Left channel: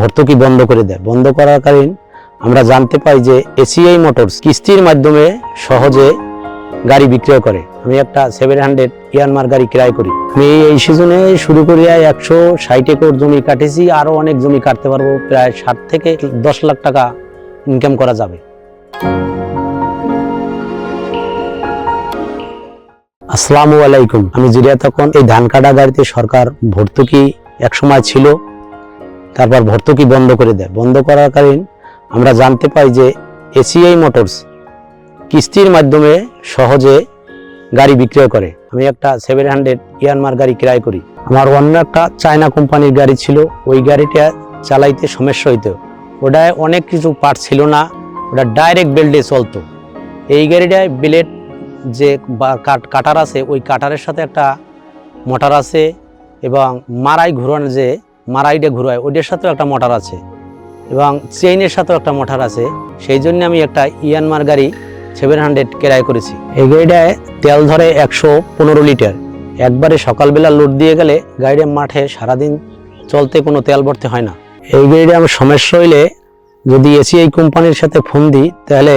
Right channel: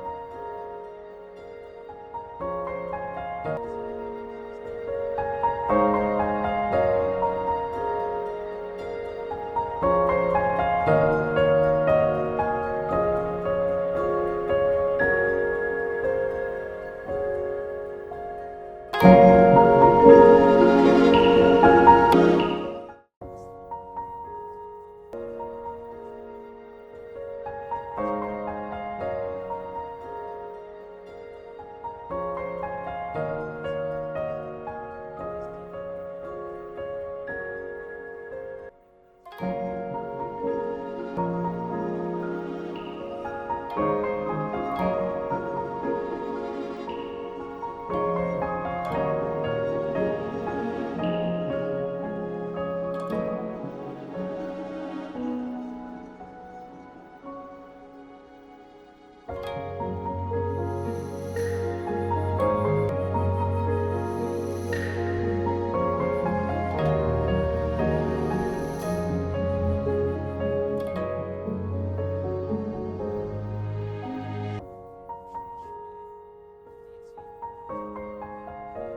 ভর্তুকি বন্ধ করে দেয়। বন্ধ করাকালীন আমরা জানতে পাই যে এসিআই মোটরস কিস্তির মাধ্যমে সহজে গাড়ি বিক্রয় করে। আমি একটা 700 ইয়ানমার গাড়ি ক্রয় করি। আমি এই সিজনে শুরু করিয়া 160 একর জমি কাটেছি, আরো অনেক জমি কাটতে পারবো। প্রায় 7 থেকে 10 লাখ টাকা ইনকাম করা যাবে। আসসালামু আলাইকুম। আমি জিরিয়া তখন এই ধান কাটা গাড়িতে সরকার ভর্তুকি একসময় ছিল, তারপর ভর্তুকি বন্ধ করে দেয়। বন্ধ করাকালীন আমরা জানতে পাই যে এসিআই মোটরস কিস্তির মাধ্যমে সহজে গাড়ি বিক্রয় করে। আমি একটা 700 ইয়ানমার গাড়ি ক্রয় করি। আমার অন্য একটা চায়না কোম্পানির গাড়ি ছিল, ওই গাড়িটা চালাইতে সমস্যা হইতো। ওটায় অনেক কিছু পার্ট ছিল না, ওটা ডাইরেক্ট বেল্টে চলতো। এই গাড়িটায় বেলেট যে কাটার আছে, ওই কাটারের সাথে একটা মোটর আছে, এবং মারাই ঘুরানো যে মারাইটা ঘুরায় ওইটার সাথেও একটা মোটর আছে, এবং চেইনের সাথেও একটা মোটর আছে। সেই জন্য আমি একটা ইয়ানমার গাড়ি 700 ক্রয় করেছি। এই গাড়িটায় তেল ধরে 115 লিটার। একবারে সকালবেলা লোড দিয়ে গেলে গাড়িটা মাঠে সারাদিন চলতে কোনো তেল ভরতে হয় না। এই গাড়িটা আমার সমস্যা হইলে যদি এসিআই কোম্পানির সাথে ফোন দিই, তাহলে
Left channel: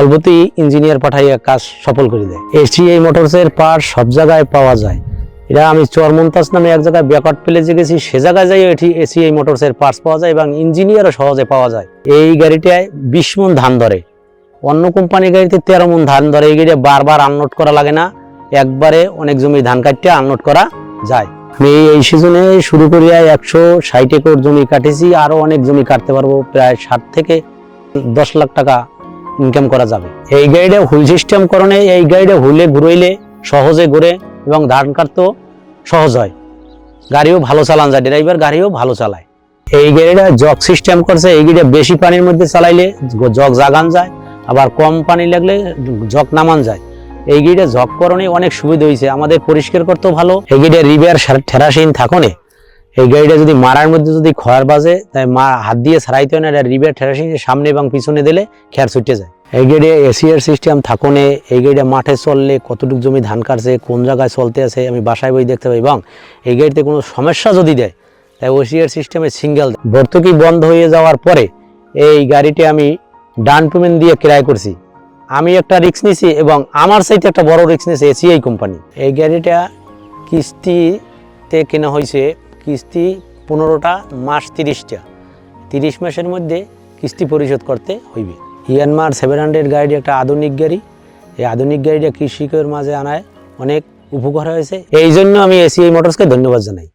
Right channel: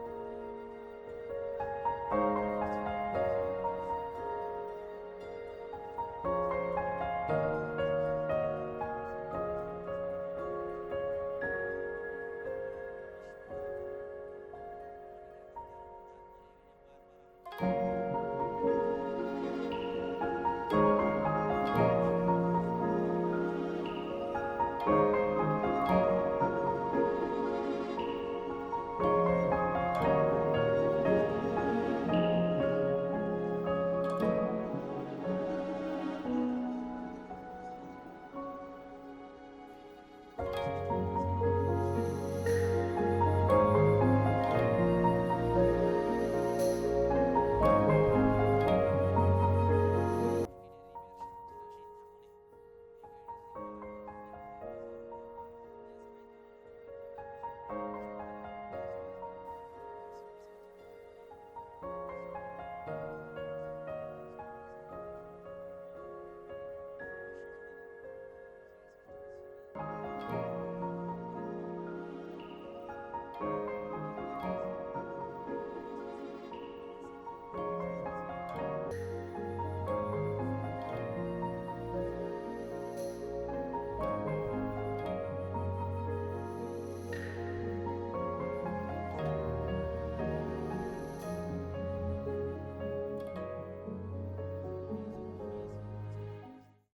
অল্পতেই ইঞ্জিনিয়ার পাঠাইয়া কাজ সফল করে দেয়। এসিআই মোটরসের পার্ট সব জায়গায় পাওয়া যায়। এটা আমি চরমন্তাজ নামে এক জায়গায় ব্যাকওয়ার্ড প্লেসে গেছি, সে জায়গায় যাই এটি এসিআই মোটরসের পার্টস পাওয়া যায় এবং ইঞ্জিনিয়ারও সহজে পাওয়া যায়। এই গাড়িটায় 20 মণ ধান ধরে, অন্য কোম্পানির গাড়িতে 13 মণ ধান ধরে। এই গাড়িটা বারবার আনলোড করা লাগে না, একবারে অনেক জমি ধান কাটতে আনলোড করা যায়। আমি এই সিজনে শুরু করিয়া 160 একর জমি কাটেছি, আরো অনেক জমি কাটতে পারবো। প্রায় 7 থেকে 10 লাখ টাকা ইনকাম করা যাবে। এই গাড়িটা হুইল সিস্টেম করণে, এই গাড়িটা হুইলে ঘুরাইলে সহজে ঘুরে এবং ধান কাটতেও সহজ হয়। গাড়িও ভালো চালান যায়, ড্রাইভার গাড়িও ভালো চালায়। এই গাড়িটা জগ সিস্টেম করছে। এই গাড়িটা বেশি পানির মধ্যে চালাইলে জগ জাগান যায়, আবার কম পানি লাগলে জগ নামান যায়। এই গাড়িটা জগ করণে অনেক সুবিধা হয়েছে, আমাদের পরিষ্কার করতেও ভালো। এই গাড়িটা রিবের ঠেরাসিন থাকনে, এই গাড়িটা যদি মারার মধ্যে যদি খয়ার বাজে, তাই হাত দিয়ে ছাড়াইতে হয় না, এটা রিবের ঠেরাসিন সামনে এবং পিছনে দিলে খেয়ার ছুটে যায়। এই গাড়িটা এসিআর সিস্টেম থাকনে, এই গাড়িটা মাঠে চললে কতটুকু জমি ধান কাটছে, কোন জায়গায় চলতে আছে আমি বাসায় বই দেখতে পাই। এবং এই গাড়িতে কোনো সমস্যা যদি দেয়, তাই এসিআর সিস্টেমে সিঙ্গেল। ভর্তুকি বন্ধ হয়ে যাওয়ার পরে এই গাড়িটি আমি ডাউন পেমেন্ট দিয়ে ক্রয় করছি। আমি একটা রিস্ক নিছি এবং আমার চাইতে একটা বড় রিস্ক নিয়েছে এসিআই কোম্পানি। এই গাড়িটা কিস্তিতে কেনা হয়েছে। কিস্তি 15টা মাস, 30টা 30 মাসের মধ্যে কিস্তি পরিশোধ করতে হইবে। ইয়ানমার 700 গাড়ি একটা আধুনিক গাড়ি। এই আধুনিক গাড়িটা কৃষকের মাঝে আনায় অনেক উপকার হয়েছে। এই জন্য আমি এসিআই মোটরসকে ধন্যবাদ জানাই।